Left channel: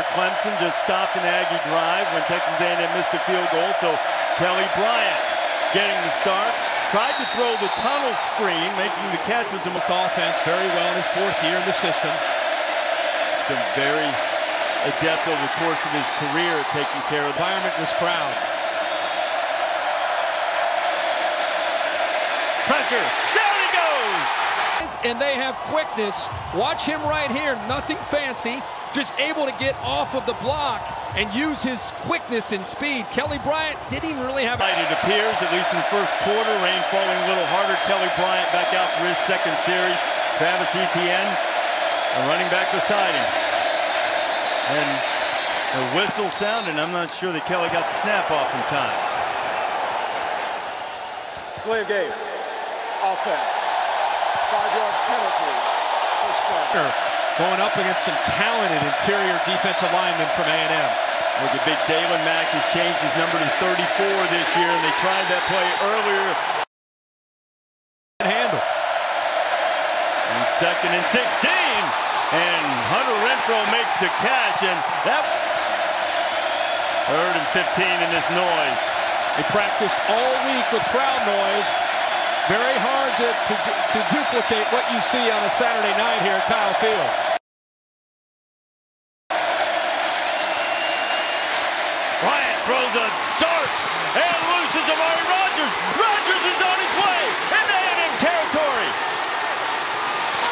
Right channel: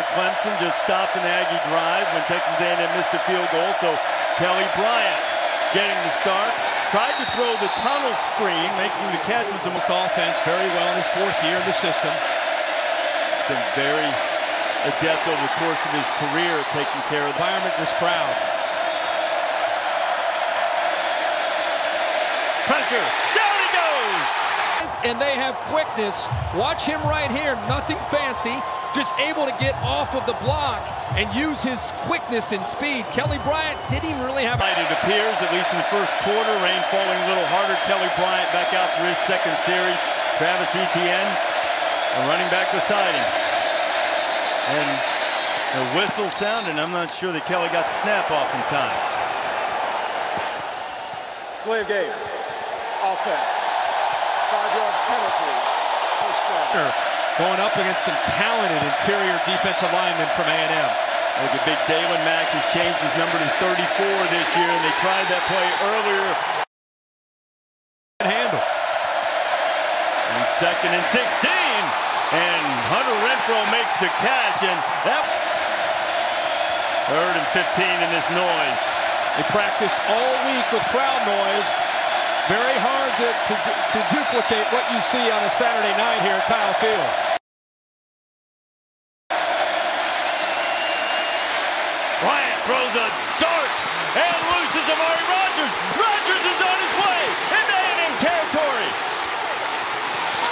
here. Clemson just stopped an Aggie drive when Texas A&M missed a field goal. So Kelly Bryant getting the start. Tried to throw the tunnel screen, making the catch with some offense very well in his 4th year in the system. Been very adept over the course of his career at taking care of the environment in this crowd. Pressure, down he goes! And they have quickness. Watch him right here, nothing fancy, just able to get off of the block and use his quickness and speed. Kelly Bryant didn't even really have... It appears, at least in the first quarter, rain falling a little harder. Kelly Bryant back out for his 2nd series. Travis Etienne, a running back beside him. And the whistle sounded. I'm not sure that Kelly got the snap off in time. Play of game. Offense. 5-yard penalty. First down. Going up against some talented interior defensive linemen from A&M. Look at big Dalen Mack, who's changed his number to 34 this year, and they tried that play earlier. Handle. And 2nd and 16. And Hunter Renfro makes the catch, and that 3rd and 15 in this noise. They practiced all week with crowd noise. Very hard to duplicate what you see on a Saturday night here at Kyle Field. Bryant throws a dart and looses Amari Rodgers. Rodgers is on his way into A&M territory.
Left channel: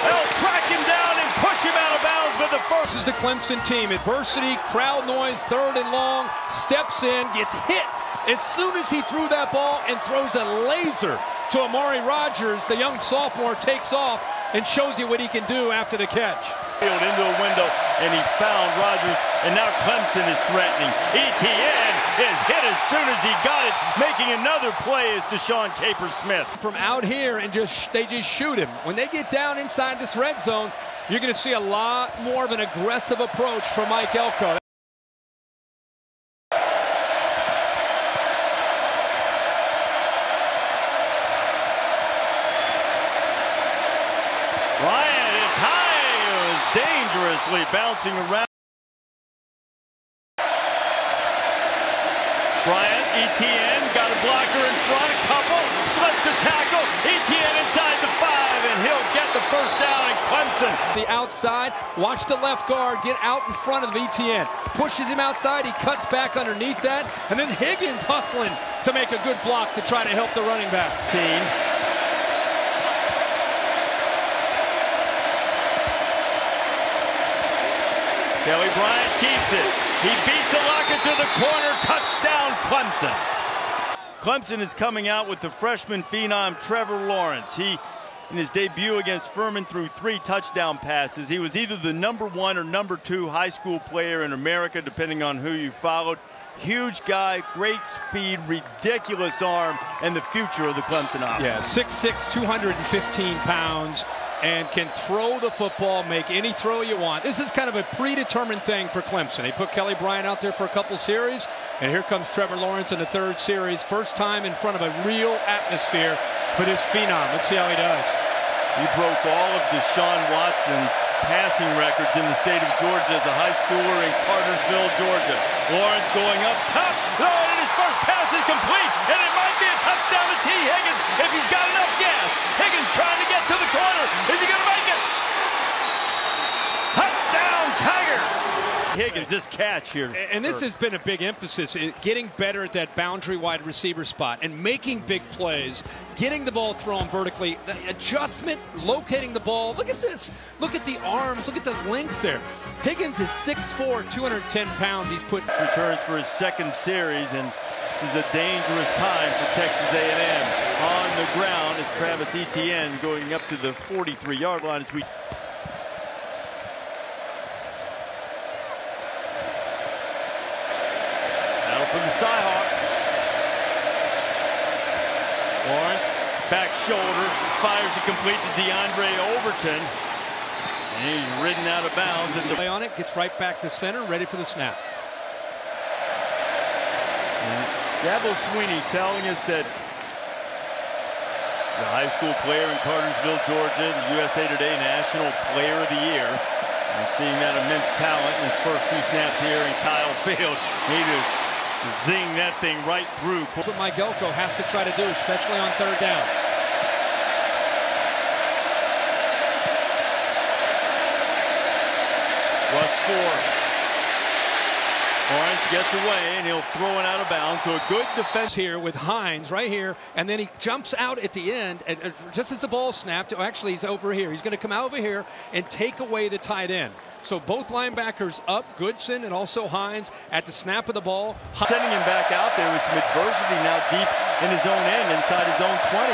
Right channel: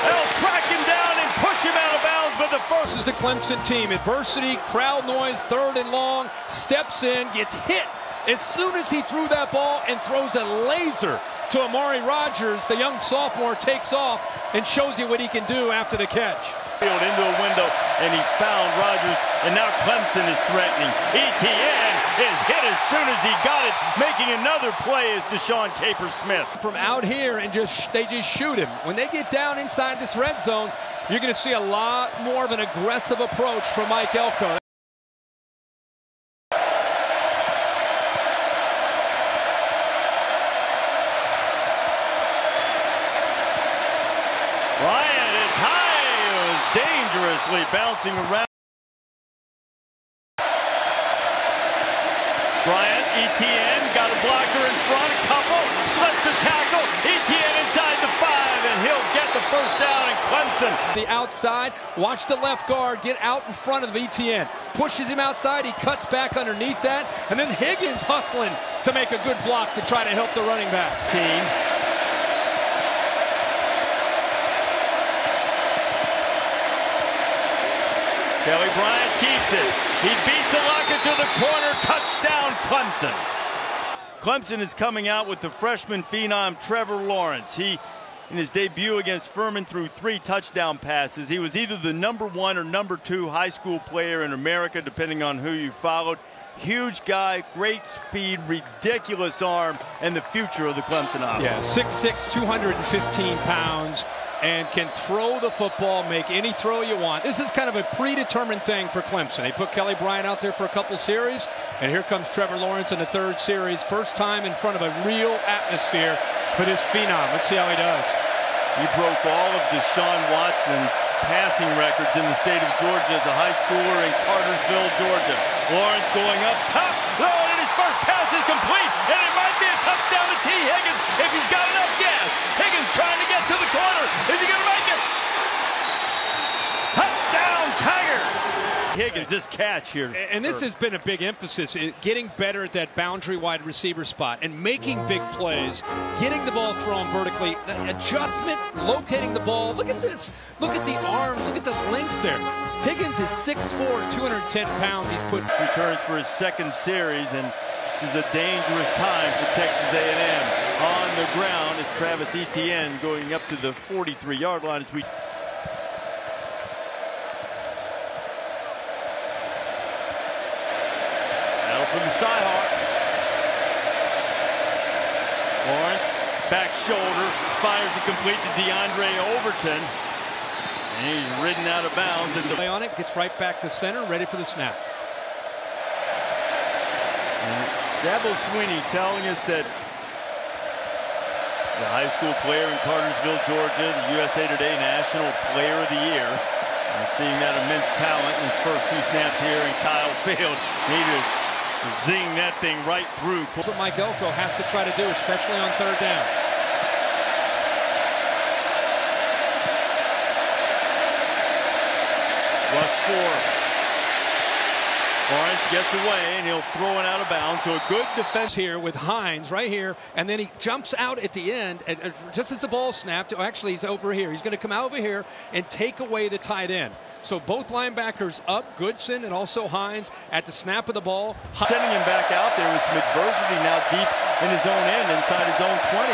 They'll track him down and push him out of bounds, but the first... This is the Clemson team. Adversity, crowd noise, 3rd and long, steps in, gets hit as soon as he threw that ball and throws a laser to Amari Rodgers. The young sophomore takes off and shows you what he can do after the catch. Into a window, and he found Rodgers, and now Clemson is threatening. Etienne is hit as soon as he got it. Making another play is Deshaun Capers-Smith. From out here, and they just shoot him. When they get down inside this red zone, you're going to see a lot more of an aggressive approach from Mike Elko. Bryant is high. Dangerously bouncing around. Bryant, Etienne got a blocker in front, a couple, slips a tackle. Etienne inside the 5, and he'll get the first down in Clemson. The outside, watch the left guard get out in front of Etienne. Pushes him outside, he cuts back underneath that, and then Higgins hustling to make a good block to try to help the running back. Kelly Bryant keeps it. He beats a Lockett to the corner. Touchdown, Clemson. Clemson is coming out with the freshman phenom Trevor Lawrence. He, in his debut against Furman, threw 3 touchdown passes. He was either the #1 or #2 high school player in America, depending on who you followed. Huge guy, great speed, ridiculous arm, and the future of the Clemson offense. Yeah, 6'6", 215 pounds. And can throw the football, make any throw you want. This is kind of a predetermined thing for Clemson. They put Kelly Bryant out there for a couple series, and here comes Trevor Lawrence in the 3rd series. First time in front of a real atmosphere for this phenom. Let's see how he does. He broke all of Deshaun Watson's passing records in the state of Georgia as a high schooler in Cartersville, Georgia. Lawrence going up top, and his first pass is complete, and it might be a touchdown to T. Higgins if he's got enough gas. Higgins trying to get to the corner. Is he going to make it? Touchdown, Tigers! Higgins, this catch here. And this has been a big emphasis, getting better at that boundary wide receiver spot and making big plays, getting the ball thrown vertically, the adjustment, locating the ball. Look at this. Look at the arms. Look at the length there. Higgins is 6'4", 210 pounds. He's put returns for his 2nd series, and this is a dangerous time for Texas A&M. On the ground is Travis Etienne going up to the 43-yard line as we... Battle for the Cyhawk. Lawrence, back shoulder, fires it complete to DeAndre Overton. And he's ridden out of bounds. At the play on it, gets right back to center, ready for the snap. And Dabo Swinney telling us that the high school player in Cartersville, Georgia, the USA Today National Player of the Year. And seeing that immense talent in his first few snaps here in Kyle Field, he just zinged that thing right through. That's what Mike Elko has to try to do, especially on third down. Rush 4. Lawrence gets away, and he'll throw it out of bounds. So a good defense here with Hines right here, and then he jumps out at the end, just as the ball snapped. Actually, he's over here. He's going to come out over here and take away the tight end. So both linebackers up, Goodson and also Hines at the snap of the ball. Sending him back out there with some adversity now deep in his own end, inside his own 20.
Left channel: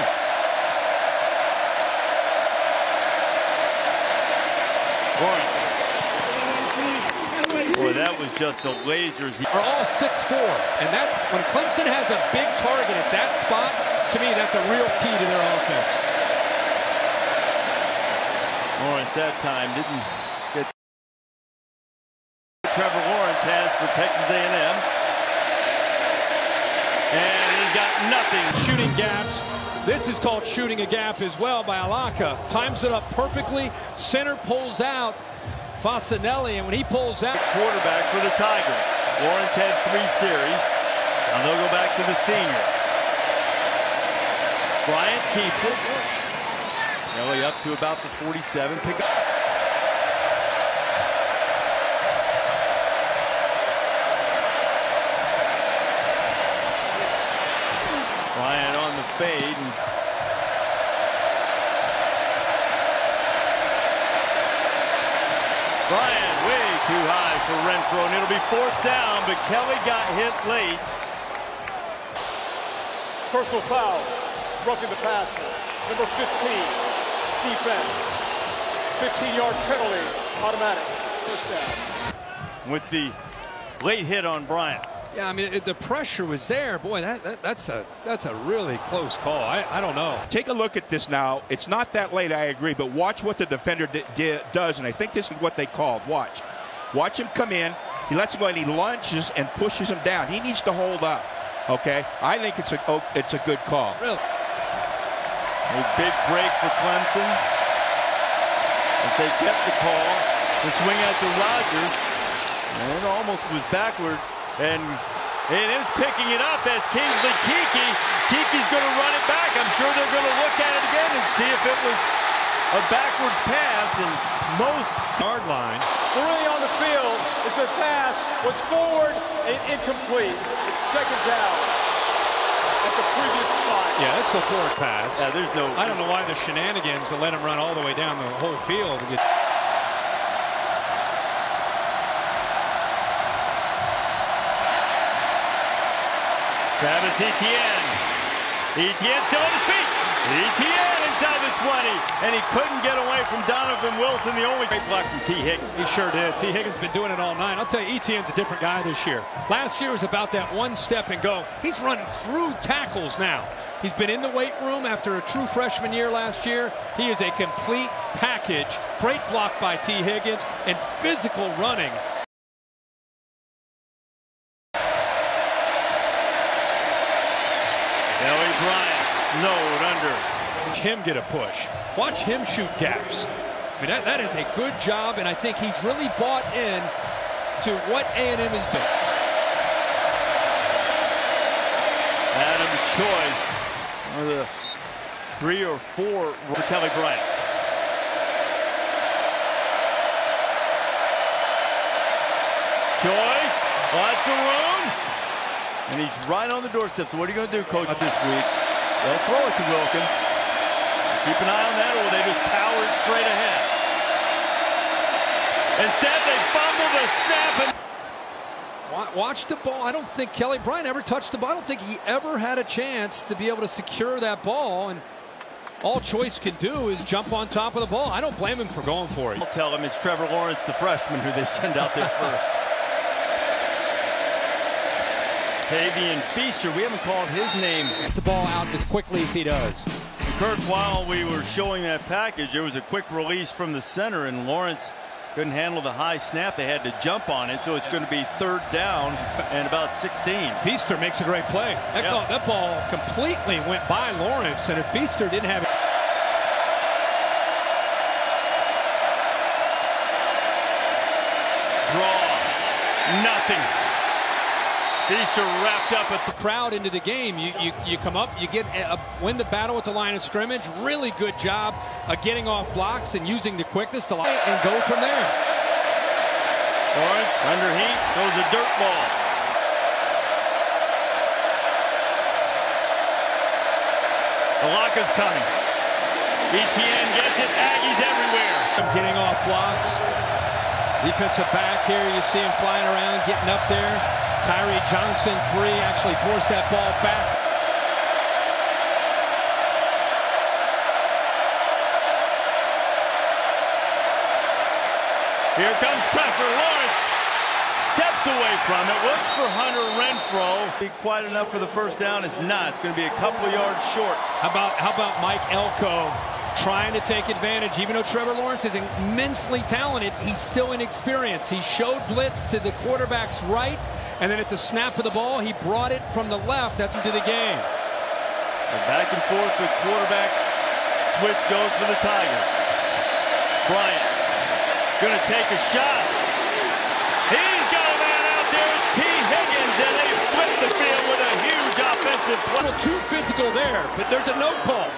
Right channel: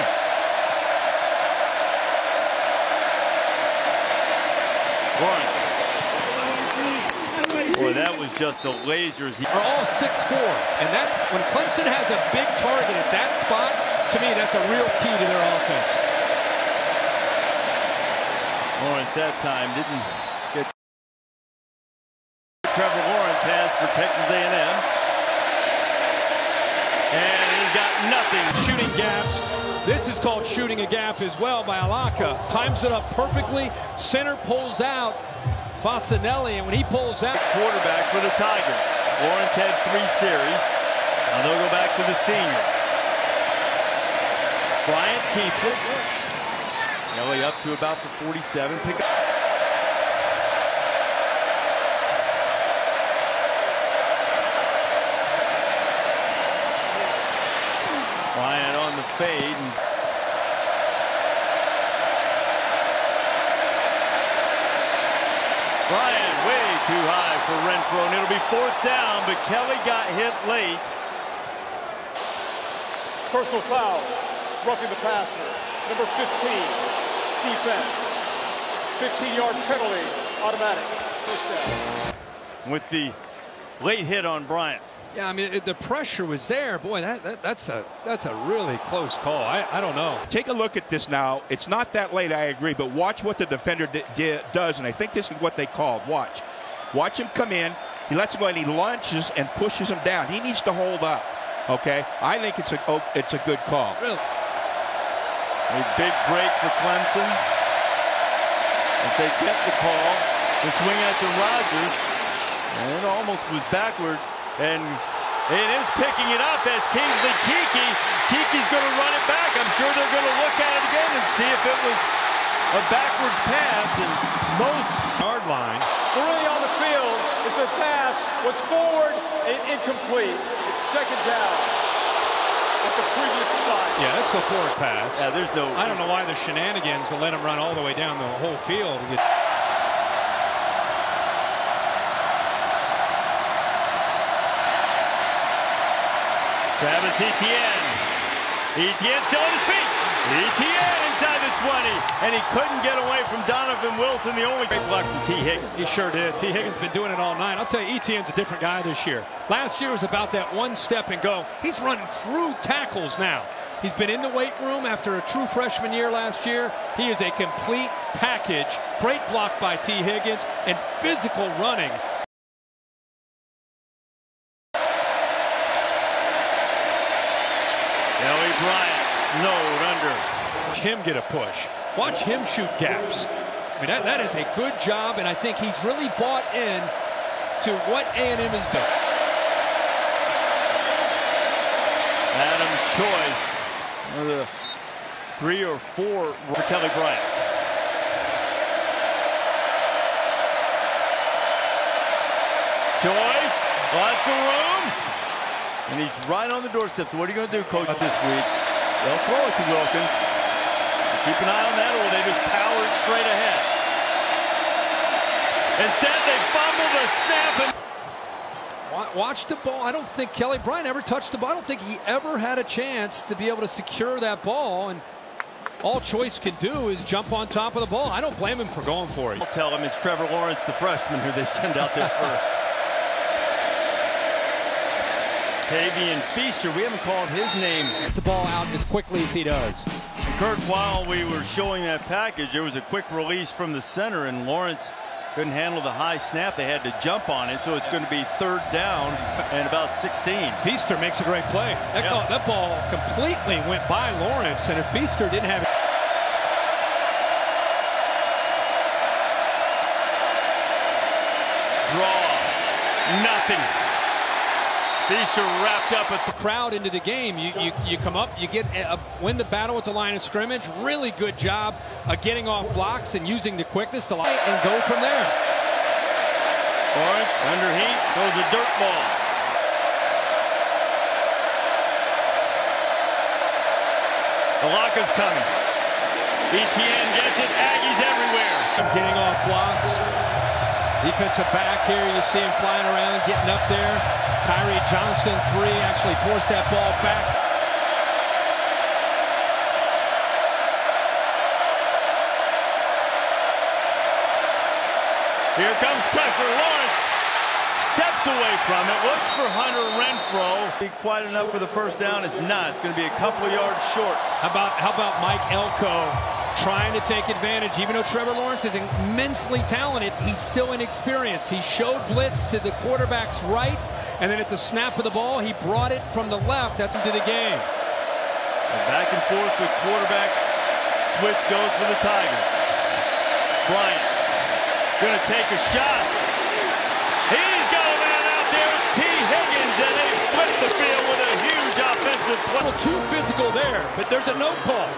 Lawrence. Boy, that was just a laser. Are all 6'4", and that when Clemson has a big target at that spot, to me, that's a real key to their offense. Lawrence that time didn't get. Trevor Lawrence has for Texas A&M, and he's got nothing. Shooting gaps. This is called shooting a gap as well by Alaka. Times it up perfectly. Center pulls out. Fasanelli, and when he pulls out, quarterback for the Tigers. Lawrence had 3 series. Now they'll go back to the senior. Bryant keeps it. Kelly up to about the 47. Pick up. Bryant on the fade. And Bryant way too high for Renfro, and it'll be 4th down, but Kelly got hit late. Personal foul, roughing the passer. Number 15, defense. 15-yard penalty, automatic, first down. With the late hit on Bryant. Yeah, I mean, the pressure was there. Boy, that's a really close call. I don't know. Take a look at this now. It's not that late, I agree, but watch what the defender does, and I think this is what they called. Watch him come in. He lets him go, and he lunges and pushes him down. He needs to hold up. Okay, I think it's a good call. Really, a big break for Clemson as they get the call. The swing out to Rogers, and it almost was backwards. And A&M's picking it up as Kingsley Kiki. Kiki's going to run it back. I'm sure they're going to look at it again and see if it was a backwards pass. And most yard line. The ruling on the field is the pass was forward and incomplete. It's 2nd down at the previous spot. Yeah, that's a forward pass. Yeah, there's no. I don't know why the shenanigans to let him run all the way down the whole field to get. Travis Etienne. Etienne still on his feet. Etienne inside the 20. And he couldn't get away from Donovan Wilson. The only great block from T. Higgins. He sure did. T. Higgins been doing it all night. I'll tell you, Etienne's a different guy this year. Last year was about that one step and go. He's running through tackles now. He's been in the weight room after a true freshman year last year. He is a complete package. Great block by T. Higgins and physical running. Kelly Bryant snowed under. Watch him get a push. Watch him shoot gaps. I mean, that is a good job, and I think he's really bought in to what A&M is doing. Adam Choice, one of the 3 or 4 for Kelly Bryant. Choice, lots of room. And he's right on the doorstep. So what are you going to do, Coach, this week? They'll throw it to Wilkins. Keep an eye on that, or will they just power it straight ahead? Instead, they fumble the snap. And watch the ball. I don't think Kelly Bryant ever touched the ball. I don't think he ever had a chance to be able to secure that ball. And all Choice can do is jump on top of the ball. I don't blame him for going for it. I'll tell him it's Trevor Lawrence, the freshman, who they send out there first. Tavian Feaster, we haven't called his name. Get the ball out as quickly as he does. And Kirk, while we were showing that package, there was a quick release from the center, and Lawrence couldn't handle the high snap. They had to jump on it, so it's going to be 3rd down and about 16. Feaster makes a great play. That ball completely went by Lawrence, and if Feaster didn't have it. Nothing. These are wrapped up at the crowd into the game. You come up, you get win the battle at the line of scrimmage. Really good job of getting off blocks and using the quickness to line and go from there. Lawrence under heat, throws a dirt ball. The lock is coming. ETN gets it. Aggies everywhere. Getting off blocks. Defensive back here, you see him flying around, getting up there. Tyree Johnson, 3, actually forced that ball back. Here comes pressure. Lawrence steps away from it, looks for Hunter Renfrow. Be quite enough for the first down. It's not. It's going to be a couple of yards short. How about Mike Elko trying to take advantage? Even though Trevor Lawrence is immensely talented, he's still inexperienced. He showed blitz to the quarterback's right, and then at the snap of the ball, he brought it from the left. That's into the game. The back and forth, the quarterback switch goes for the Tigers. Bryant going to take a shot. He's got a man out there. It's T. Higgins, and they flip the field with a huge offensive play. A little too physical there, but there's a no call.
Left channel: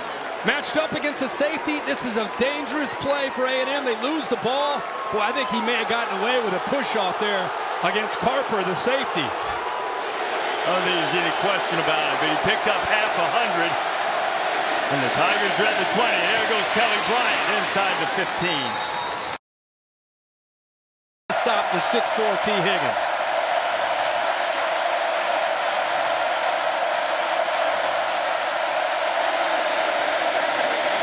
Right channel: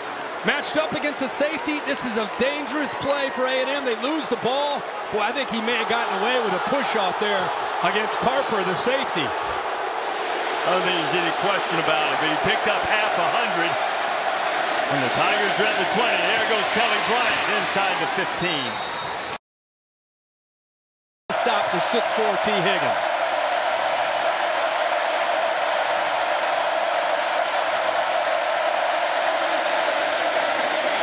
Matched up against the safety. This is a dangerous play for A&M. They lose the ball. Boy, I think he may have gotten away with a push-off there against Carper, the safety. I don't think there's any question about it, but he picked up half 100. And the Tigers are at the 20. There goes Kelly Bryant inside the 15. Stop the 6'4" T. Higgins.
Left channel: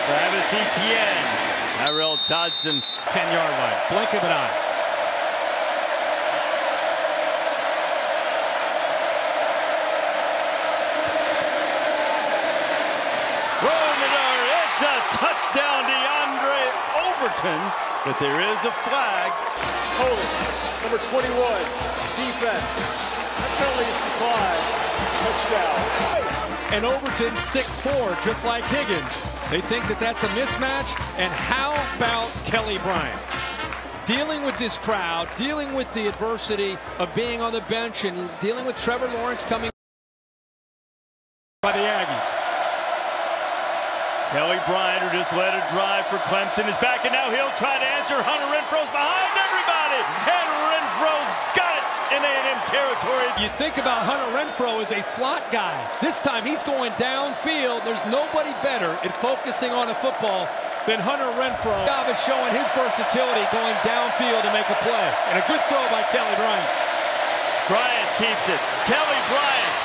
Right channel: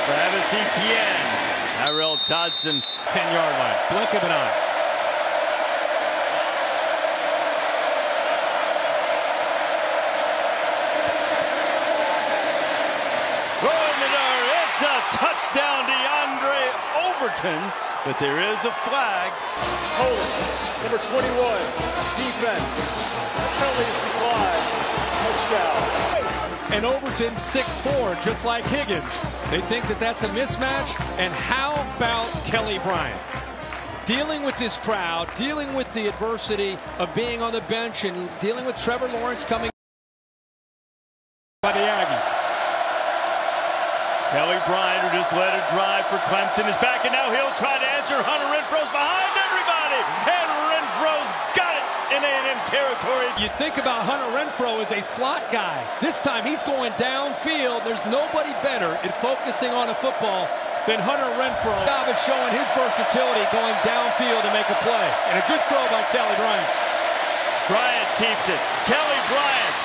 Travis Etienne. Tyrell Dodson. 10-yard line. Blink of an eye. Rolling the dart. It's a touchdown, DeAndre Overton. But there is a flag. Holding. Number 21. Defense. That penalty is declined. Touchdown. And Overton 6'4", just like Higgins. They think that that's a mismatch. And how about Kelly Bryant? Dealing with this crowd, dealing with the adversity of being on the bench, and dealing with Trevor Lawrence coming by the Aggies. Kelly Bryant, who just led a drive for Clemson, is back, and now he'll try to answer. Hunter Renfrow's behind everybody, and Renfrow's got it in A&M territory. You think about Hunter Renfrow as a slot guy. This time he's going downfield. There's nobody better at focusing on a football than Hunter Renfrow. Job is showing his versatility going downfield to make a play. And a good throw by Kelly Bryant. Bryant keeps it. Kelly Bryant.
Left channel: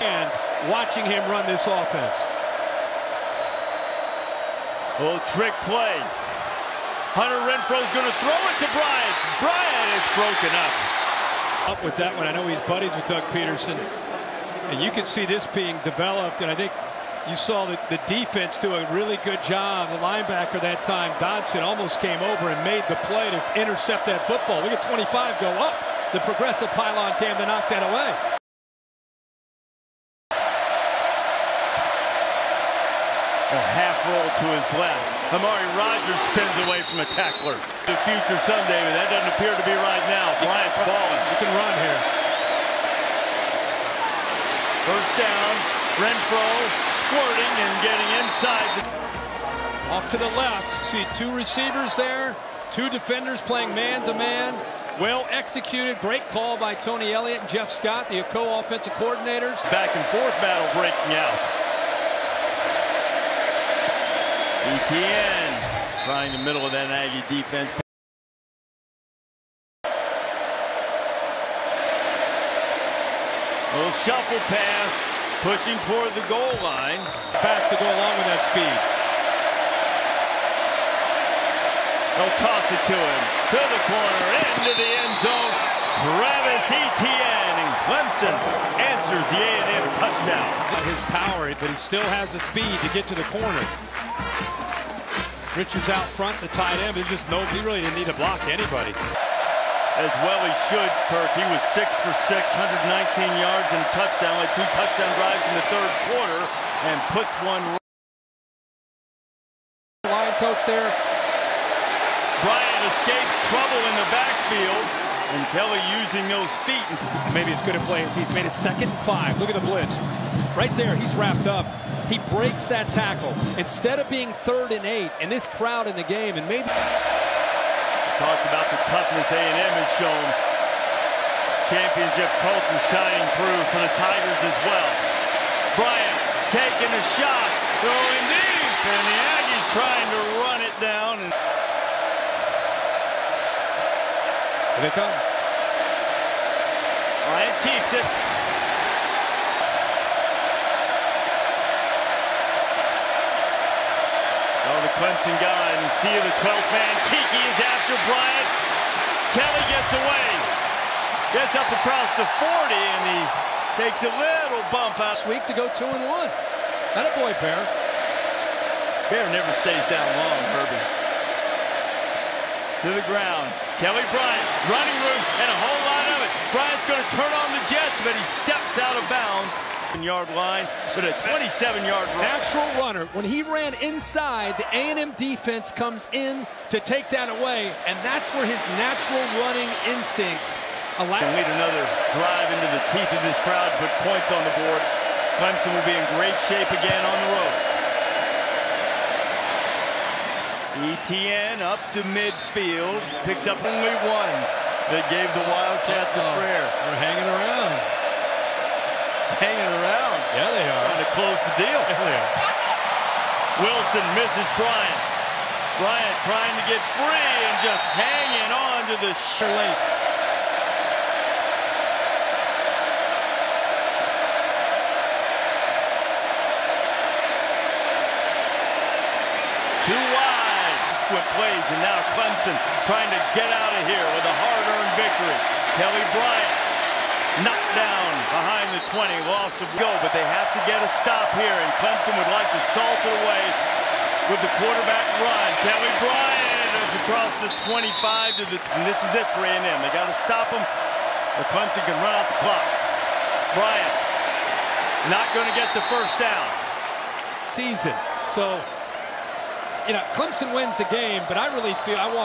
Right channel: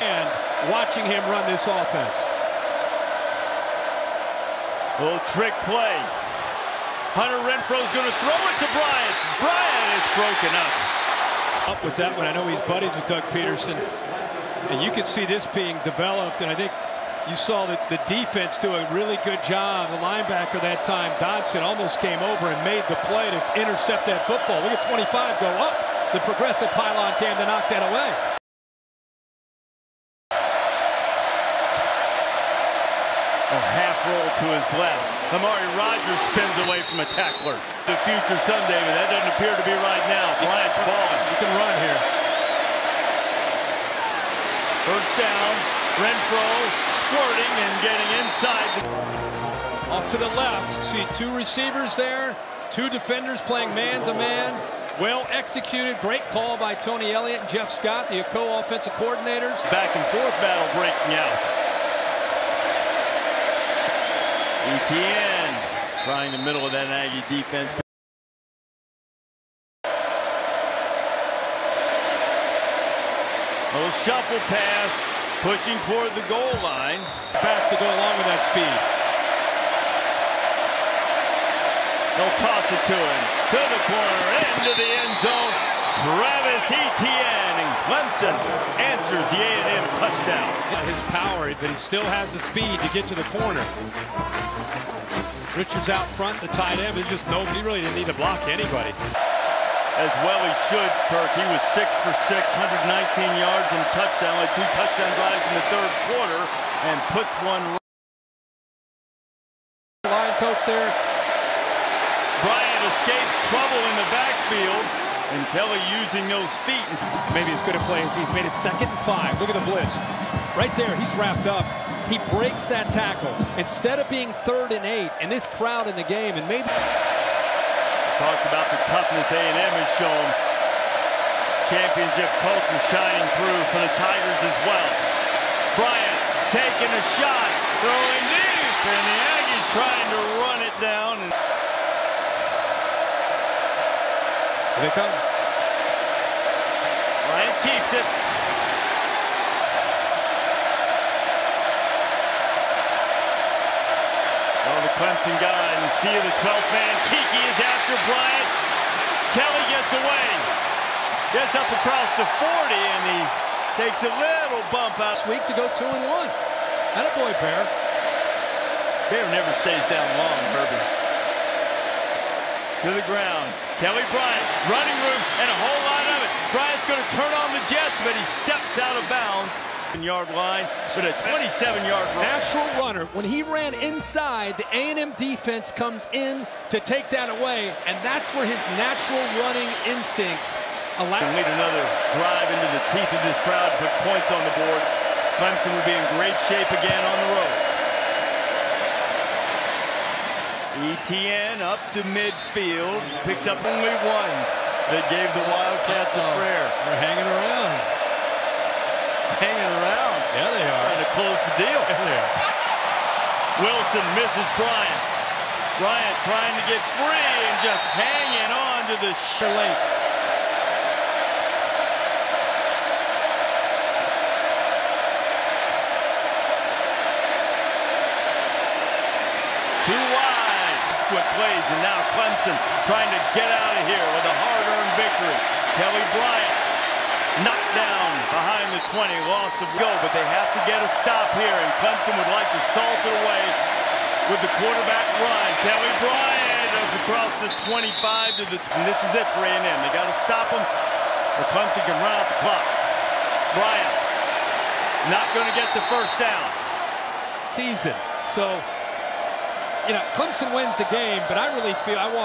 And watching him run this offense. Little trick play. Hunter Renfrow's going to throw it to Bryant. Bryant is broken up. Up with that one. I know he's buddies with Doug Peterson. And you can see this being developed. And I think you saw the defense do a really good job. The linebacker that time, Dodson, almost came over and made the play to intercept that football. Look at 25 go up. The progressive pylon came to knock that away. A half roll to his left. Amari Rogers spins away from a tackler. The future Sunday, but that doesn't appear to be right now. Bryant's balling. You can run here. First down. Renfrow squirting and getting inside. Off to the left. See 2 receivers there. 2 defenders playing man-to-man. Well executed. Great call by Tony Elliott and Jeff Scott, the co-offensive coordinators. Back and forth battle breaking out. ETN trying the middle of that Aggie defense. A little shuffle pass, pushing toward the goal line. Back to go along with that speed. They'll toss it to him, to the corner, into the end zone. Travis Etienne, and Clemson answers the A&M touchdown. Not his power, but he still has the speed to get to the corner. Richards out front, the tight end. There's just nobody. He really didn't need to block anybody. As well he should, Kirk. He was 6 for 6, 119 yards and a touchdown. Led 2 touchdown drives in the third quarter and puts one. Line coach there. Bryant escapes trouble in the backfield. And Kelly using those feet. Maybe as good a play as he's made it 2nd and 5. Look at the blitz. Right there, he's wrapped up. He breaks that tackle. Instead of being 3rd and 8, and this crowd in the game, and maybe... Talked about the toughness A&M has shown. Championship culture shining through for the Tigers as well. Bryant taking a shot, throwing deep, and the Aggies trying to run it down. And here they come. Bryant keeps it. Oh, the Clemson guy in the sea of the 12th man. Kiki is after Bryant. Kelly gets away. Gets up across the 40, and he takes a little bump out. This week to go 2-1. Attaboy, Bear. Bear never stays down long, Herbie. To the ground. Kelly Bryant, running room, and a whole lot of it. Bryant's going to turn on the Jets, but he steps out of bounds. Yard line, but a 27-yard run. Natural runner. When he ran inside, the A&M defense comes in to take that away, and that's where his natural running instincts allow. And lead another drive into the teeth of this crowd, put points on the board. Clemson will be in great shape again on the road. ETN up to midfield, picks up only one. That gave the Wildcats a prayer. They're hanging around. Hanging around. Yeah, they are. Trying to close the deal. Yeah, they are. Wilson misses Bryant. Bryant trying to get free and just hanging on to the late. Too wide. Subsequent plays, and now Clemson trying to get out of here with a hard-earned victory. Kelly Bryant knocked down behind the 20, loss of go, but they have to get a stop here, and Clemson would like to salt it away with the quarterback run. Kelly Bryant across the 25 to the, and this is it for A&M. They got to stop him, or Clemson can run out the clock. Bryant not going to get the first down. Season. So, you know, Clemson wins the game, but I really feel I want